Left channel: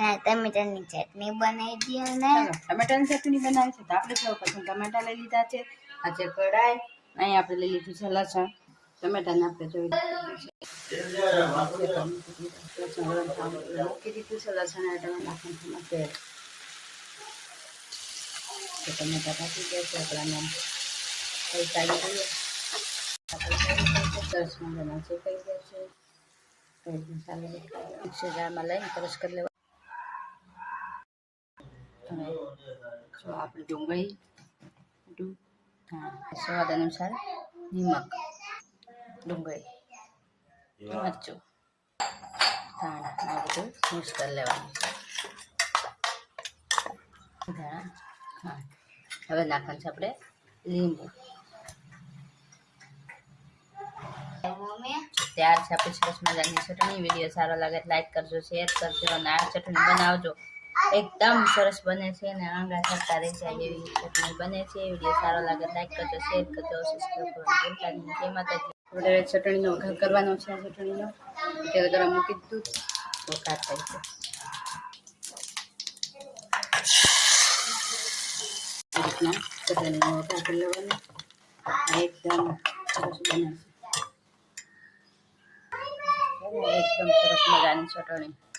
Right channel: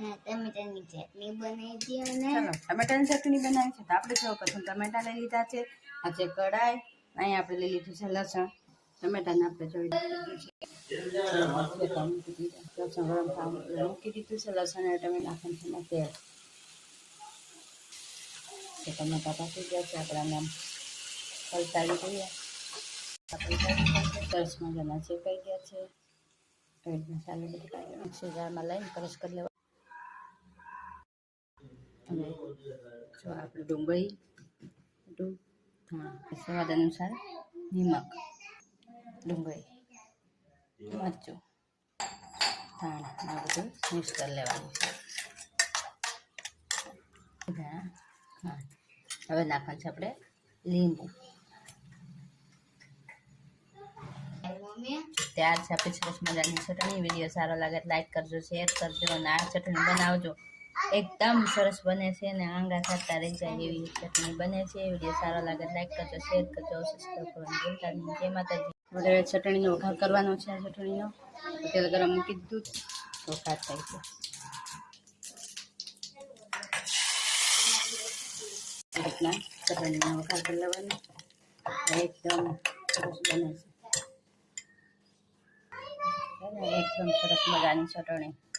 ટમેટાની ચટણી બનાવી દઈએ ને ટમેટાની ચટણી બનાવી છે તો આપણે સૌ પ્રથમ ટમેટા લઈ લીધા છે આ છે કઢાઈ અહીં આપણે લઈ લીધું છે લસણ ટમેટાને આપણે જોઈ મૂકી દીધું છે લસણ અને ટમેટા નાખવાનું તેલ ટમેટા પાકી ગયા છે આપણાને પલટાવી દઈએ સરસ મજાના શેકાઈ ગયા છે મસાલા મિક્સર જારમાં લઈને ક્રશ કરી લેવા હવે જો આપણે ડુંગળી સ્વાદ અનુસાર નિમક ડુંગળી મરચું ધાણા આ બધું મિક્સ કરી લેવાનું છે ધાણા હવે નાખવાનું છે આપણે લીંબુ ત્યાર છે આપણી સરસ મજાની ચટણી વિડીયો સારો લાગે લાઈક કરજો શેર કરજો અને આ ચટણી બનાવજો એકદમ સરસ બને છે અને આંગળા થતા રહી જાય એવી ચટણી બને છે વિડીયો સારો લાગે લાઈક કરજો શેર કરજો સબસ્ક્રાઈબ કરવાનું ભૂલતા નહીં જય માતાજી હવે ચટણીનો વઘાર કરવાનો છે આ ચટણીનો તેલ ગરમ મૂકી દીધું વઘાર થઈ ગયો રીતના ચટણીનો વઘાર કરી લેવાનો એકદમ સરસ બને છે એકદમ સરસ મજાની ચટણી